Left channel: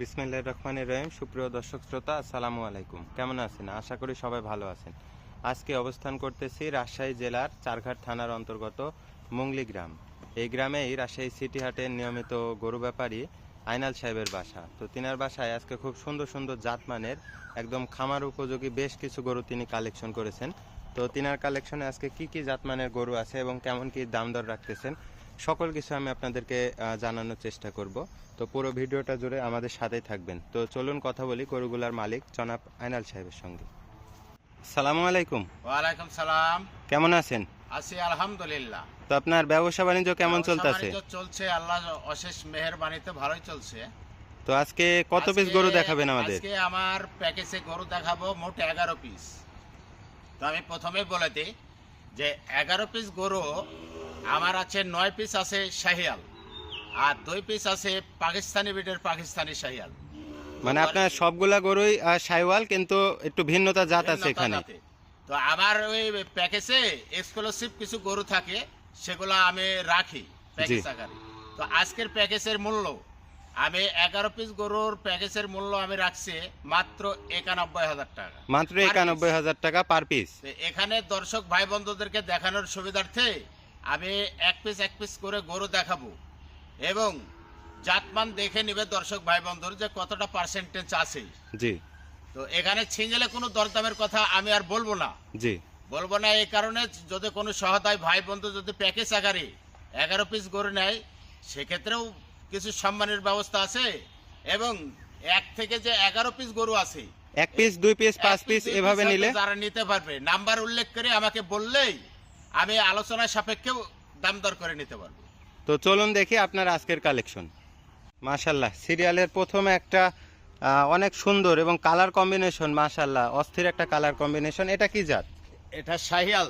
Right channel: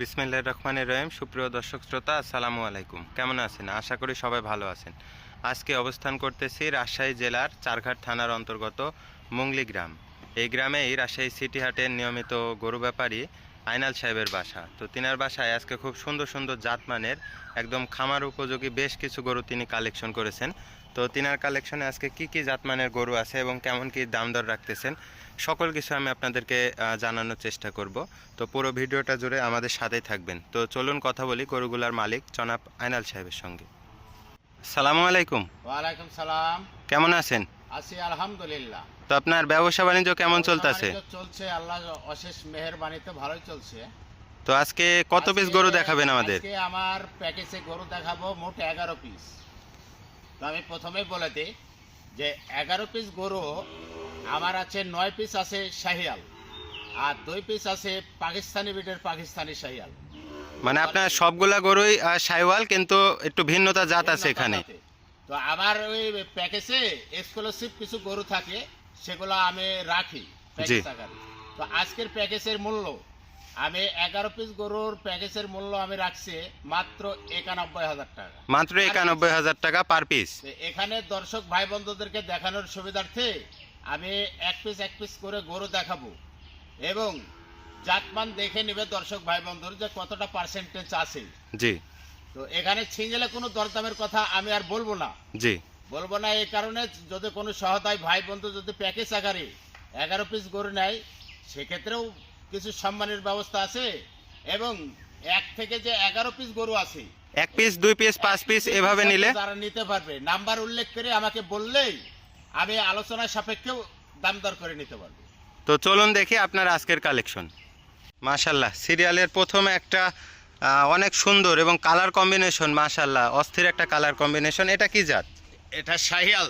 বিসমিল্লাহ রহমানের রহিম। সুপ্রিয় দর্শক শ্রোতা, আসসালামু আলাইকুম। কেমন আছেন? আশা করি সবাই ভালো আছেন। আজকে অবস্থান করতেছি রাজশাহী জেলার চারঘাট থানার অন্তর্গত মুংলি গ্রাম। এই গ্রামেই রাজশাহী সিটি হাটের নিয়মিত গরু ব্যাপারী আইনাল সাহেবের বাসা। তো তিনার বাসায় আজকে খুব সুন্দর সুন্দর জাতমানের একদম খামার উপযোগী বেশ কিছু গরু তিনি কালেকশন করেছেন। তো তিনার কালেকশনে আজকে কি কি জাতমানের গরু আছে এবং কেমন কি দাম দর রাখতেছেন সকল কিছু আমি আপনাদেরকে জানানোর চেষ্টা করব। তো পুরো ভিডিওটা জুড়ে আমাদের সাথেই থাকবেন। তো চলুন কথা বলি গরুগুলার মালিক জনাব আইনাল সাহেবের সঙ্গে। সালামু আলাইকুম। ওয়ালাইকুম সালাম। কেমন আছেন? আছি আলহামদুলিল্লাহ। তো আপনার ব্যবসা বাণিজ্য কেমন চলতেছে? চলছে আল্লাহ অশেষ মেহেরবানিতে ভালোই চলছে। তো আজকে কত পিস গরু দেখাবেন আমাদের? আজকে আমার প্যাকেজে গরু দেখাবো মোট এগারো পিস তো আমি প্রথমেই বলে দিই যে এগারো পিস গরু আমার আছে নয় পিস আছে শাহিয়াল। আর দুই পিস আছে পাকিস্তানি বিটের পাকিস্তানি শাহিয়াল। মানে আপনার সবগুলা গরুই আহ, সাইওয়াল কিন্তু একটু ভিন্নতা জাত আছে এখানে। তো আমার ওই প্যাকেজে এক্সক্লুসিভ কিছু গরু থাকে সেগুলো আমি রাখি প্যাকেজ আকারে তো আজকের প্যাকেজের মূল্য আমি এগারো পিস গরুর প্যাকেজের মূল্য আমি রাখছি মাত্র একানব্বই হাজার টাকা। মাত্র একানব্বই হাজার টাকা পার পিস এখানে দর্শক ভাই বন্ধুদেরকে দেখানোর সুবিধার্থে আমি এক পিস এক পিস করে গরু দেখাবো। এবং জাতমান দেখে নিবে দর্শক ভাই বন্ধুর যে কতটা পার্সেন্টেজ আছে। জি। তো এখানে ছিঙ্গেলে কোনো দরদামের কথা আমি আর বলব না। জি। বলব না এই কারণে যদি কোনো সহদায় ভাই বন্ধু যদি প্যাকেজ আকারে এগারো পিস গরু নেয় সেক্ষেত্রেও কিছু সম্মানের ব্যবস্থা আছে এবং এক থেকে যে এগারো পিস গরু আছে এক পিস দুই পিস পাঁচ পিস এভাবে নিলে? তারা নিতে পারবে। নাম্বার উল্লেখ করে আমাকে বললেই আমি আলোচনা সাপেক্ষেও দাম দর করে নিতে পারব। তো চলুন দেখি আপনার আজকের কালেকশন। মাশাল্লাহ সিরিয়ালের প্রথম একটা অনেক সুন্দর এবং কালার কম্বিনেশন মাশাল্লাহ অস্থির একটা কালার কম্বিনেশন। এটা কি জাত? এটা শাহিয়াল।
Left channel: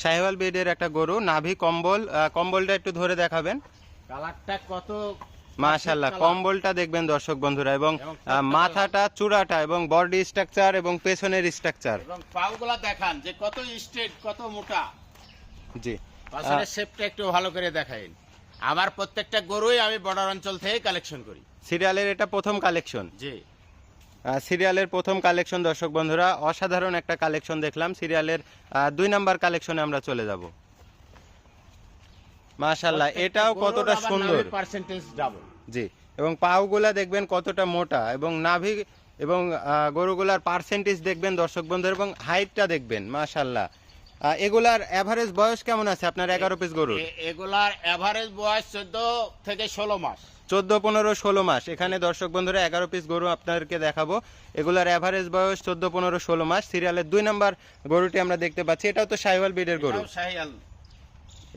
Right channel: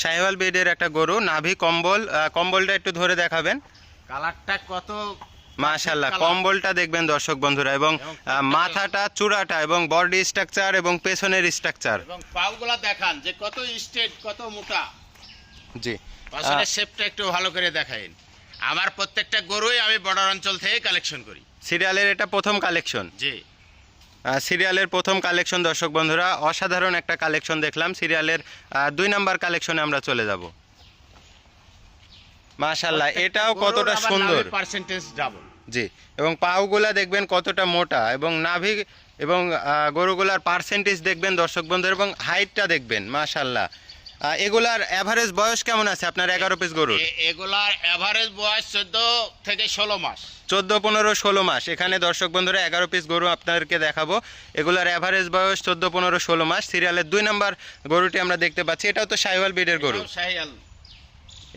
সাহেওয়াল বেডের একটা গরু নাভি কম্বল কম্বলটা একটু ধরে দেখাবেন। কালারটা কত মাশাল্লাহ কম্বলটা দেখবেন দর্শক বন্ধুরা এবং এবং মাথাটা চূড়াটা এবং বডি স্ট্রাকচার এবং পেছনের স্ট্রাকচার। এবং পাউগুলা দেখান যে কত স্ট্রেট কত মোটা। জি। আসলে শেপটা একটু ভালো করে দেখাইন। আমার প্রত্যেকটা গরুই আমি বর্ডার অঞ্চল থেকে কালেকশন করি। সিরিয়ালের এটা প্রথম কালেকশন জি। সিরিয়ালের প্রথম কালেকশন দর্শক বন্ধুরা অসাধারণ একটা কালেকশন দেখলাম। সিরিয়ালের দুই নাম্বার কালেকশনে আমরা চলে যাব। মাশাল্লাহ এটাও কতটা সুন্দর। পার্সেন্টেজ ডাবল জি এবং পাওগুলা দেখবেন কতটা মোটা এবং নাভি এবং গরুগুলার পার্সেন্টেজ দেখবেন দর্শক বন্ধুরা এবং হাইটটা দেখবেন মাশাল্লাহ এগুলার এভারেজ বয়স কেমন আছে? আপনার এগারো পিস গরুর? এগুলার এভারেজ বয়স চোদ্দ থেকে ষোলো মাস। চোদ্দ পনেরো ষোলো মাস। এখানে দর্শক বন্ধুরা এগারো পিস গরু আপনাদেরকে দেখাবো। এগুলার অ্যাভারেজ বয়স চোদ্দ পনেরো ষোলো মাস। সিরিয়ালের দুই নাম্বার গরুটি আমরা দেখতে পাচ্ছি। এটাও তো সাহিওয়াল বিডের গরু। শাহিয়াল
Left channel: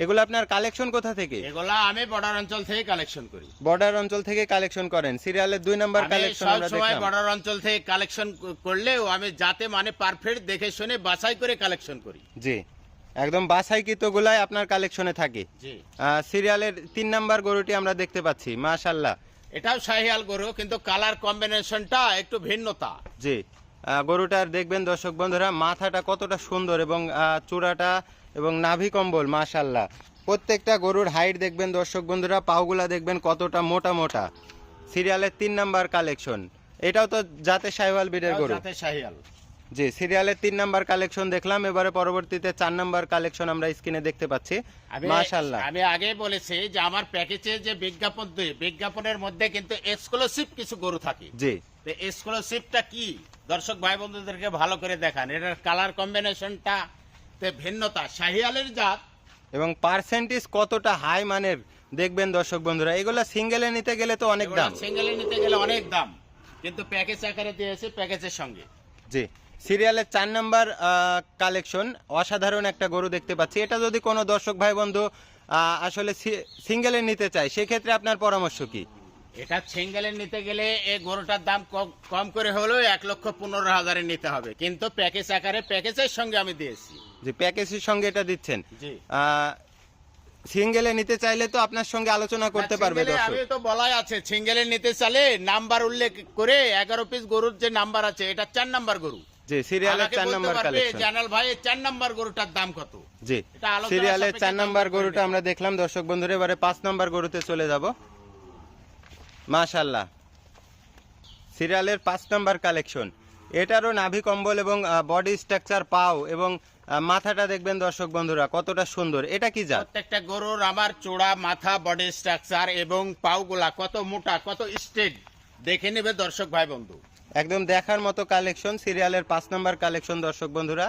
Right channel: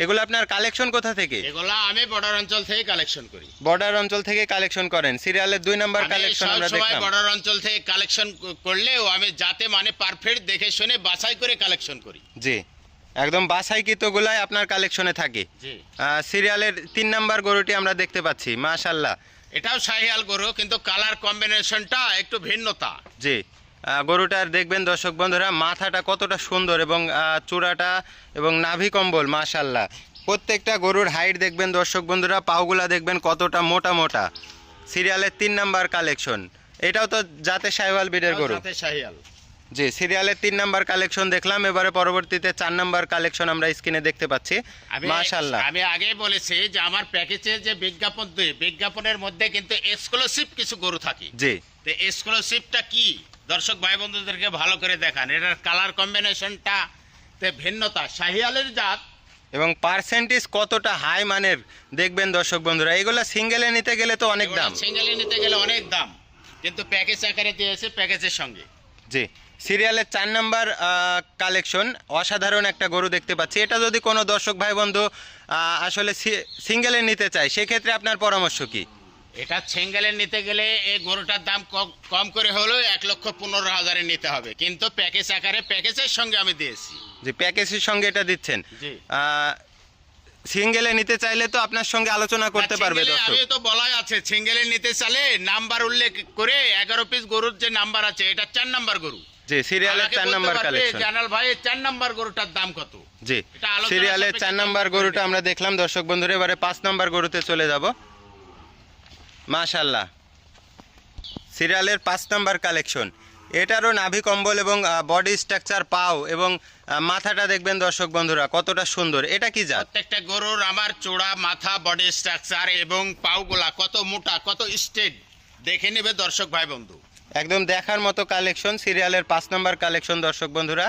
এগুলো আপনার কালেকশন কোথা থেকে? এগুলা আমি বর্ডার অঞ্চল থেকে কালেকশন করি। বর্ডার অঞ্চল থেকে কালেকশন করেন। সিরিয়ালের দুই নাম্বার কালেকশন আমরা দেখলাম। বর্ডার অঞ্চল থেকে কালেকশন করলেও আমি যাতে মানে পারফেক্ট দেখে শুনে বাছাই করে কালেকশন করি। জি। একদম বাছাইকৃতগুলাই আপনার কালেকশনে থাকে। সিরিয়ালের তিন নাম্বার গরুটি আমরা দেখতে পাচ্ছি মাশাল্লাহ এটাও শাহিয়াল গরু কিন্তু কালার কম্বিনেশনটা একটু ভিন্নতা। জি। গরুটার দেখবেন দর্শক বন্ধুরা মাথাটা কতটা সুন্দর এবং চূড়াটা এবং নাভি কম্বল মাশাল্লাহ প্রত্যেকটা গরুর হাইট দেখবেন দর্শক বন্ধুরা পাওগুলা দেখবেন কতটা মোটা মোটা। সিরিয়ালের তিন নাম্বার কালেকশন। এটাও তো জাতে সাইওয়াল বিডের গরু। জি সিরিয়ালের তিন নাম্বার কালেকশন দেখলাম এবারে পরবর্তীতে চার নাম্বার কালেকশন আমরা স্ক্রিনে দেখতে পাচ্ছি। মাশাল্লাহ আমি আগে বলেছি যে আমার প্যাকেজে যে বিজ্ঞাপন বিজ্ঞাপনের মধ্যে কিন্তু এক্সক্লুসিভ কিছু গরু থাকে। জি। তো এক্সক্লুসিভটা কি? দর্শক ভাই বন্ধুদেরকে ভালো করে দেখান। এটার কালার কম্বিনেশনটা তে ভিন্নতা। শাহিয়ালের জাত। এবং পার্সেন্টেজ কতটা হাই মানের দেখবেন দর্শক বন্ধুরা। এগুলো সিঙ্গেলে নিতে গেলে তো অনেক দাম। সিঙ্গেলে নিতে গেলে অনেক দাম। কিন্তু প্যাকেজ আকারে দিয়েছে প্যাকেজের সঙ্গে। জি। সিরিয়ালের চার নাম্বার কালেকশন অসাধারণ একটা গরু দেখতে পাচ্ছি। এটা যদি কোনো দর্শক ভাই বন্ধু আসলে সিঙ্গেলে নিতে চায় সেক্ষেত্রে আপনার পরামর্শ কি? এটা সিঙ্গেলে নিতে গেলে এই গরুটার দাম কম- করে হলেও এক লক্ষ পনেরো হাজারে নিতে হবে। কিন্তু প্যাকেজ আকারে প্যাকেজের সঙ্গে আমি দিয়েছি। যে প্যাকেজের সঙ্গে এটা দিচ্ছেন। জি। সিঙ্গেলে নিতে চাইলে তো আপনার সঙ্গে আলোচনা করতে পারবে দর্শক। আমি তো বলাই আছে সিঙ্গেলে নিতে চালে নাম্বার উল্লেখ করে এগারো পিস গরুর যে নাম্বার আছে এটা চার নাম্বার গরু। জি সিরিয়ালের চার নাম্বার কালেকশন জানাল ভাই চার নাম্বার গরুটার দাম কত? জি সিরিয়ালের চার নাম্বার গরুটা আমরা দেখলাম। দর্শক বন্ধুরা এবারে পাঁচ নাম্বার গরুতে চলে যাব। মাশাল্লাহ সিরিয়ালের পাঁচ নাম্বার কালেকশন। এটারও নাভি কম্বল এবং বডি স্ট্রাকচার পাও এবং মাথাটা দেখবেন দর্শক বন্ধুরা কতটা সুন্দর। এটা কি জাত? প্রত্যেকটা গরুর আমার চূড়া মাথা বডি স্ট্রাকচার এবং পাউগুলা কত মোটা কত স্টেট দেখে নেবে দর্শক ভাই বন্ধু। একদম দেখার মতো কালেকশন সিরিয়ালের পাঁচ নাম্বার কালেকশন দর্শক বন্ধুরা।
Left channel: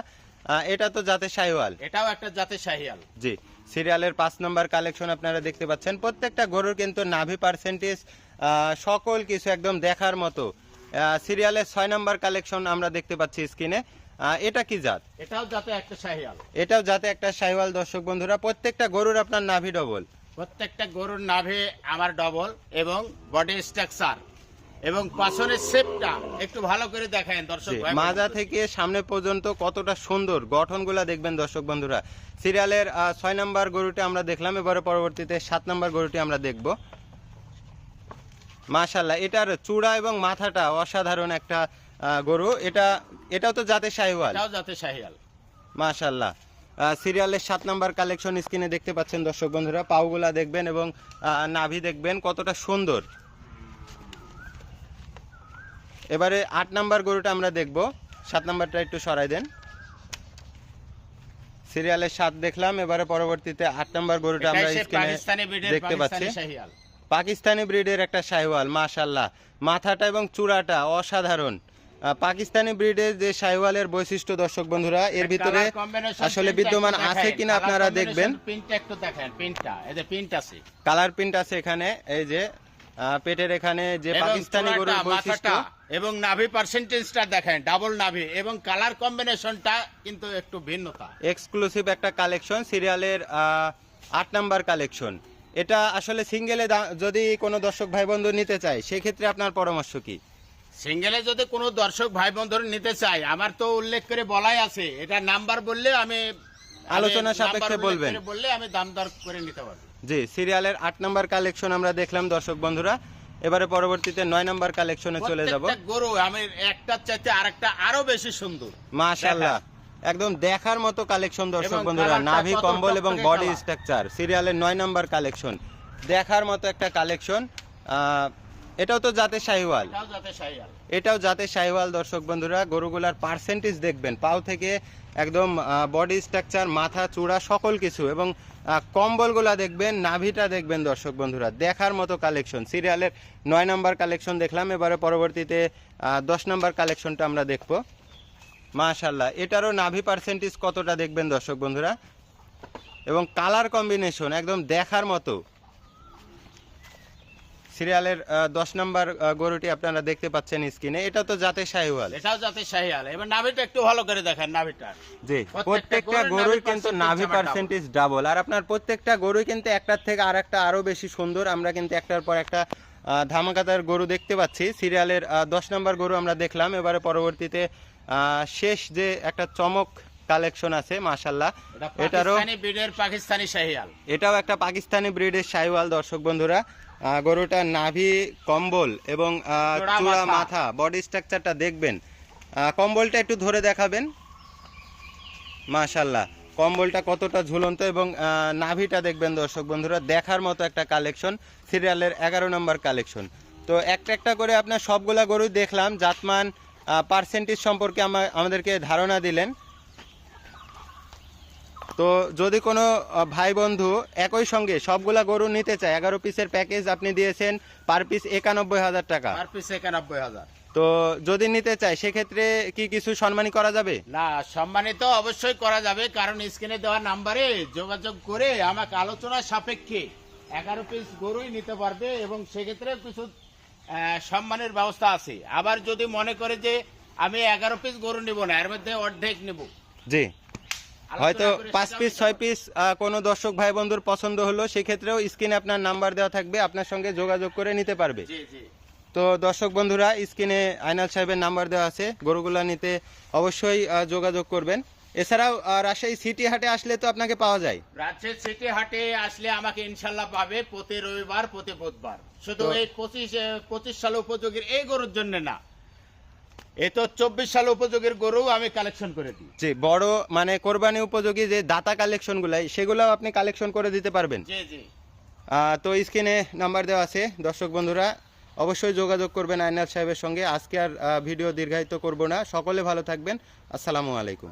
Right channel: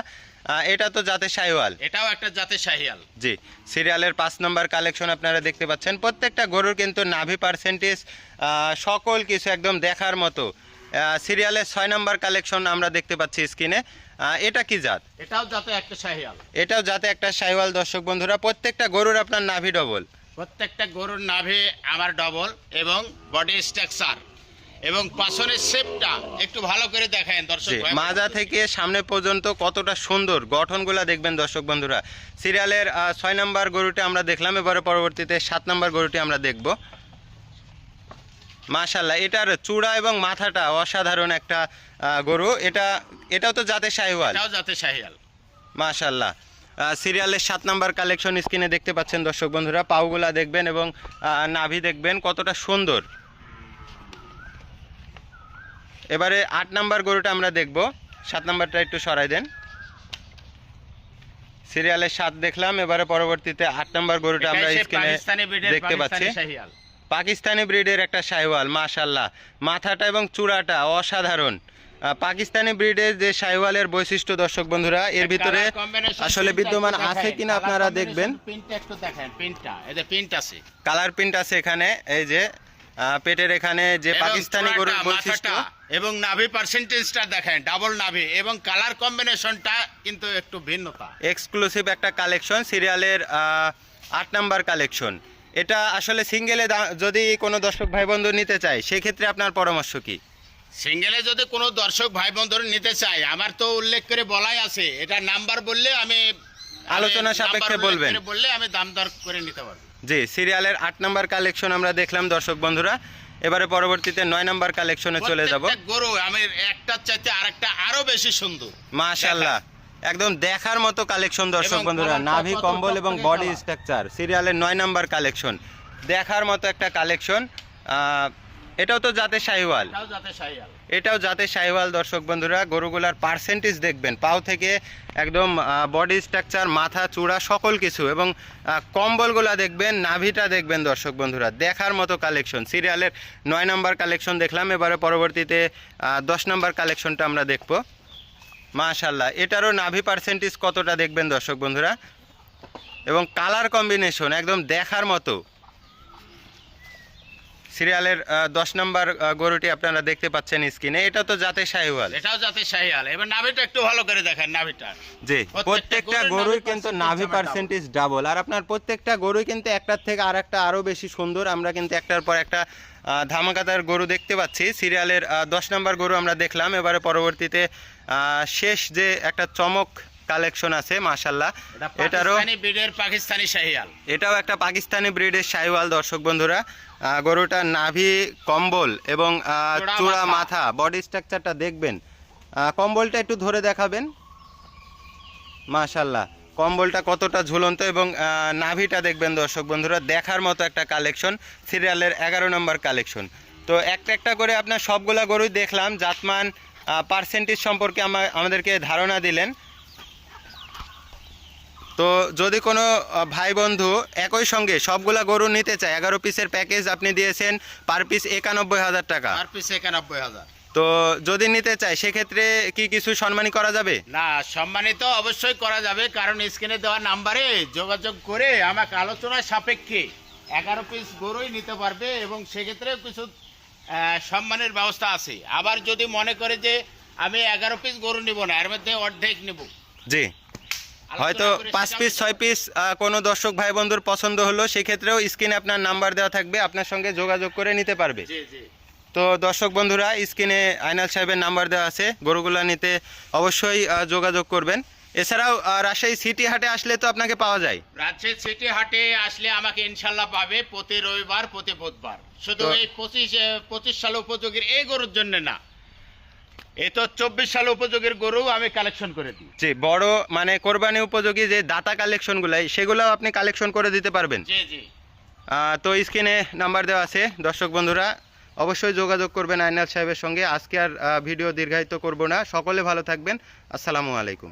এটা তো জাতে শাইওয়াল এটাও একটা জাতের শাহিয়াল জি সিরিয়ালের পাঁচ নম্বর কালেকশন আপনারা দেখতে পাচ্ছেন। প্রত্যেকটা গরুর কিন্তু নাভি পার্সেন্টেজ সকল কিছু একদম দেখার মতো। সিরিয়ালের ছয় নম্বর কালেকশন আমরা দেখতে পাচ্ছি স্ক্রিনে। এটা কি জাত? এটাও জাতে একটা শাহিয়াল এটাও যাতে একটা সাইওয়াল দর্শক বন্ধুরা। প্রত্যেকটা গরুর আপনার নাভি ডবল প্রত্যেকটা গরুর নাভে আমার ডবল এবং বডি স্ট্রাকচার এবং পাশনের শেপটা একটু ভালো করে দেখেন দর্শক মাজা থেকে সামনে পর্যন্ত কতটা সুন্দর গঠনগুলা দেখবেন দর্শক বন্ধুরা। সিরিয়ালের ছয় নম্বর গরুটি আমরা দেখলাম এবারে পরবর্তীতে সাত নম্বর গরুটি আমরা দেখব। মাশাল্লাহ এটার চূড়া এবং মাথাটা অসাধারণ একটা গরু। এটা এটাও তো জাতে শাহিওয়াল। জাতে শাহিয়াল মাশাল্লাহ সিরিয়ালের সাত নাম্বার কালেকশন স্ক্রিনে দেখতে পাচ্ছেন দর্শক বন্ধুরা। পাউগুলা দেখবেন এবং নাভি দেখবেন কতটা সুন্দর। এবারে আট নাম্বার গরুটা আমরা দেখব। সাত নাম্বারটা একটু সরাই দেন। সিরিয়ালের সাত দেখলাম এবারে পরবর্তীতে আট নাম্বার গরুটা আমরা স্ক্রিনে দেখতে পাচ্ছি। পাকিস্তানি ব্রিডের একটা শাহিওয়াল মাশাল্লাহ মাথাটা এবং চূড়াটা অসাধারণ। পাকিস্তানি ব্রিডের যে শাহিওয়ালের বৈশিষ্ট্য দর্শক বন্ধুরা এর ভিতরে আসলে বিদ্যমান আছে কিনা আপনারা দেখবেন। কালার প্রিন্ট আছে। এখানে এই যে পেটের এখানে যে পাকিস্তানি গরুর বৈশিষ্ট্য। এবং নাভি পার্সেন্টেজটা দেখেন ডাবল নাভি এবং কালার কম্বিনেশনটা কিন্তু একটু ভিন্নতা এক্সক্লুসিভ একটা কালেকশন সিরিয়ালের আট নাম্বার কালেকশন এটা আসলে সিঙ্গেলে যদি কোনো দর্শক ভাই বন্ধু নিতে চায় সেক্ষেত্রে আপনার পরামর্শ কি? সিঙ্গেলে যদি কোনো দর্শক ভাই বন্ধুরা নিতে চায় আমার তো উল্লেখ করে বলাই আছে এটা নাম্বার বললে আমি আলোচনা সাপেক্ষে বলবেন। বললে আমি দাম দর করে নিতে পারব। জি সিরিয়ালের আট নাম্বার কালেকশন আমরা দেখলাম দর্শক বন্ধুরা। এবারে পরবর্তীতে নয় নাম্বার কালেকশনে চলে যাব। গরু আমি একটা চাইতে আরেকটা আরও বেশি সুন্দর। মাশাল্লাহ একদম দেখার মতো কালেকশন দর্শক বন্ধুরা নাভি কম্বল এবং বডি স্ট্রাকচার সিরিয়ালের নয় নাম্বার কালেকশন দেখার মতো একটা কালেকশন এটাও তো জাতের শাহিওয়াল। এটাও জাতের শাহিওয়াল। দর্শক বন্ধুরা। গরুগুলার পার্সেন্টেজ দেখবেন। পাও থেকে একদম বডি স্ট্রাকচার মাথা চূড়া সকল কিছু। এবং কম্বলগুলা দেখবেন নাভিটা দেখবেন দর্শক বন্ধুরা। দেখার মতো কালেকশন সিরিয়ালের নয় নম্বর কালেকশন দেখলাম। এবারে পরবর্তীতে দশ নম্বর কালেকশনটা আমরা দেখব। মাশাল্লাহ এটারও নাভি পার্সেন্টেজ কতটা দেখবেন দর্শক বন্ধুরা? এবং কালার কম্বিনেশন একদম দেখার মতো। সিরিয়ালের দশ নম্বর গরুটি আপনারা দেখতে পাচ্ছেন স্ক্রিনে। এটা তো জাতের শাহিওয়াল। এটাও যাতে শাহিয়াল এবার নাভিটা একটু ভালো করে দেখেন নাভিটা। জি প্রত্যেকটা গরুই কিন্তু নাভি পার্সেন্টেজ ডাবল আর আপনার প্রত্যেকটা গরুই কিন্তু একটার থেকে আর একটা আরও বেশি সুন্দর। আমরা কিন্তু একটার পর একটা আহ, ধামাকাদার গরু দেখতে পাচ্ছি। সিরিয়ালের দশ নম্বর গরু আমরা দেখলাম। এবারে পরবর্তীতে আহ, শেষ যে একটা চমক কালেকশন আছে মাশাল্লাহ এটারও পাকিস্তানি ব্রিডের পাকিস্তানি শাহিয়াল। এটাও একটা পাকিস্তানি ব্রিডের শাইওয়াল দর্শক বন্ধুরা। আহ, গরুটার নাভি কম্বল এবং চূড়া মাথা। বডি স্ট্রাকচারটা দেখবেন। কম্বলটা একটু ধরে দেখাবেন। মাশাল্লাহ কম্বলটা কতটা ঝুলন্ত এবং নাভিটা দেখবেন দর্শক বন্ধুরা। দেখার মতো একটা কালেকশন সিরিয়ালের এগারো নম্বর কালেকশন। তো একটা একটা করে আপনার সবগুলা গরুই দেখলাম। জাতমান পার্সেন্টেজ সম্পর্কে আমা- আমাদেরকে ধারণা দিলেন। তো যদি কোনো ভাই বন্ধু একই সঙ্গে সবগুলা গরু নিতে চায় এগারো পিসের প্যাকেজ আপনি দিয়েছেন পার পিস একানব্বই হাজার টাকা। পিস একানব্বই হাজার। তো যদি নিতে চায় সেক্ষেত্রে কি কিছু সম্মানী করা যাবে? না সম্মানিত অবশ্যই করা যাবে কারণ স্ক্রিনে দেওয়া নাম্বারে যোগাযোগ করে আমাকে আলোচনা সাপেক্ষে এগারো পিস গরুই নিতে পারবে এবং সেক্ষেত্রে কিছু সম্মানের ব্যবস্থা আছে। আবার যদি মনে করে যে আমি এগারো পিস গরু নিব না এর মধ্যে অর্ধেক নিব। জি। হয়তো পাঁচ পিস ছয় পিস কোনো দর্শক ভাই বন্ধুর পছন্দ হলো সেক্ষেত্রেও স্ক্রিনে আপনার নাম্বার দেওয়া থাকবে আপনার সঙ্গে যোগাযোগ করে নিতে পারবে। তো দর্শক বন্ধুরা স্ক্রিনে আইনাল সাহেবের নাম্বার দেওয়া আছে গরুগুলা নিতে অবশ্যই যোগাযোগ করবেন। এছাড়াও রাজশাহী সিটি হাটে আসলে তো আপনাকে পাওয়া যায়। রাজশাহী সিটি হাটে আসলে আমাকে ইনশাল্লাহ পাবে প্রতি রবিবার প্রতি বুধবার। শুধু এই পঁচিশ পঁচিশ সাল উপযোগীর এই গরুর জন্য না। তো চব্বিশ সাল উপযোগীর গরু আমি কালেকশন করে দিই। জি বড় মানে কোরবানি উপযোগী যে দাতা আপনি কালেকশন করে দিতে পারবেন। জি জি। তো স্ক্রিনে নাম্বার দেওয়া আছে দর্শক বন্ধুরা। অবশ্যই যোগাযোগ করবেন আইনাল সাহেবের সঙ্গে। আজকে আর ভিডিও দীর্ঘায়িত করব না। সকলে ভালো থাকবেন। আসসালামু আলাইকুম।